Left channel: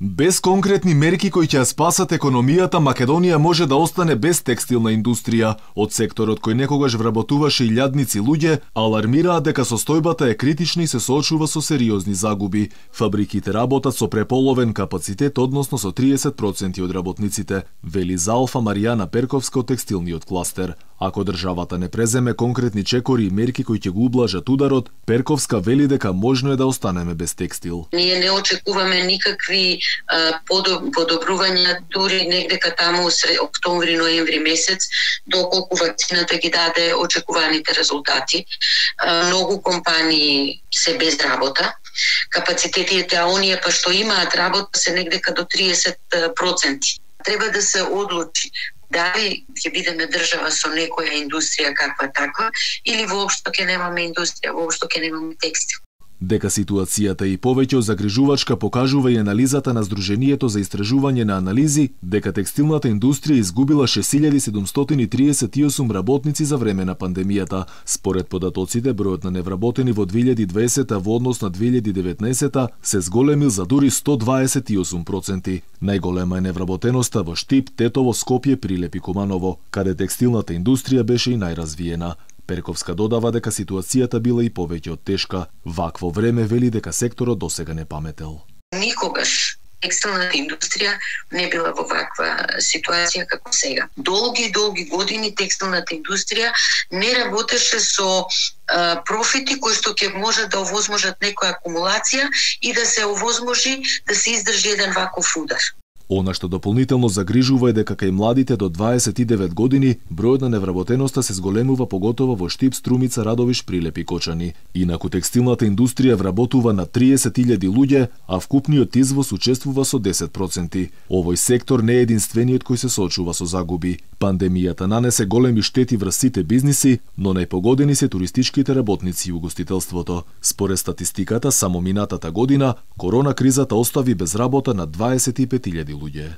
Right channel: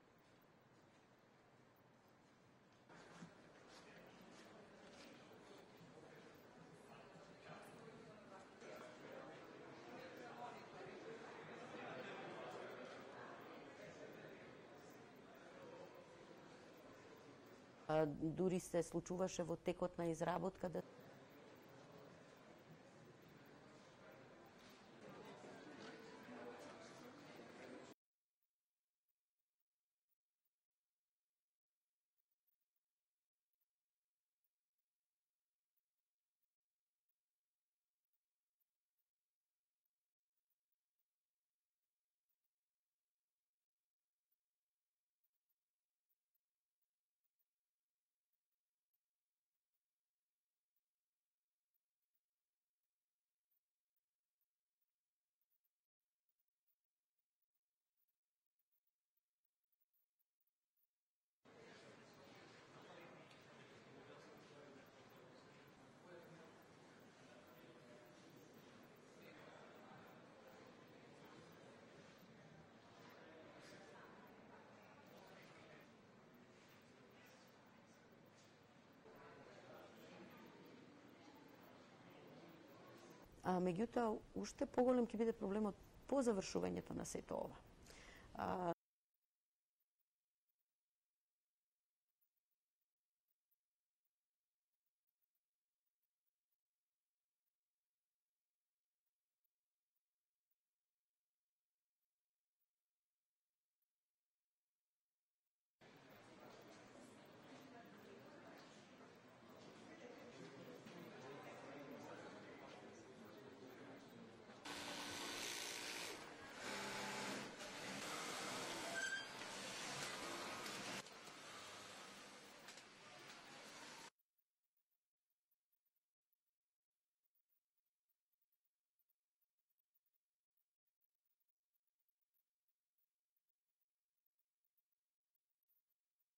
Без конкретни мерки кои ќе ја спасат економијата, Македонија може да остане без текстилна индустрија. Од секторот кој некогаш вработуваше илјадници луѓе, алармираат дека состојбата е критична и се соочува со сериозни загуби. Фабриките работат со преполовен капацитет, односно со 30% од работниците, вели за Алфа Маријана Перковска од текстилниот кластер. Ако државата не преземе конкретни чекори и мерки кои ќе го ублажат ударот, Перковска вели дека можно е да останеме без текстил. Ние не очекуваме никакви подобрувања дури негдека таму октомври-ноември месец, доколку вакцината ги даде очекуваните резултати. Многу компании се без работа. Капацитетите, оние па што имаат работа се негдека до 30%. Треба да се одлучи дали ќе бидеме држава со некоја индустрија каква таква, или воопшто ќе немаме индустрија, воопшто ќе немаме текстил. Дека ситуацијата и повеќе загрижувачка покажува и анализата на Сдруженијето за истражување на анализи, дека текстилната индустрија изгубила 6738 работници за време на пандемијата. Според податоците, бројот на невработени во 2020 во однос на 2019 се зголемил за дури 128%. Најголема е невработеноста во Штип, Тетово, Скопје, Прилеп и Куманово, каде текстилната индустрија беше и најразвиена. Перковска додава дека ситуацијата била и повеќе од тешка. Вакво време вели дека секторот досега не паметел. Никогаш текстилната индустрија не била во ваква ситуација како сега. Долги години текстилната индустрија не работеше со профити кои што ќе може да овозможат некоја акумулација и да се овозможи да се издржи еден ваков удар. Она што дополнително загрижува е дека кај младите до 29 години бројот на невработеноста се зголемува поготово во Штип, Струмица, Радовиш, Прилеп и Кочани. Инаку текстилната индустрија вработува на 30.000 луѓе, а вкупниот извоз учествува со 10%. Овој сектор не е единствениот кој се соочува со загуби. Пандемијата нанесе големи штети врз сите бизниси, но најпогодени се туристичките работници и угостителството. Според статистиката, само минатата година, корона кризата остави без работа на 25.000 луѓе.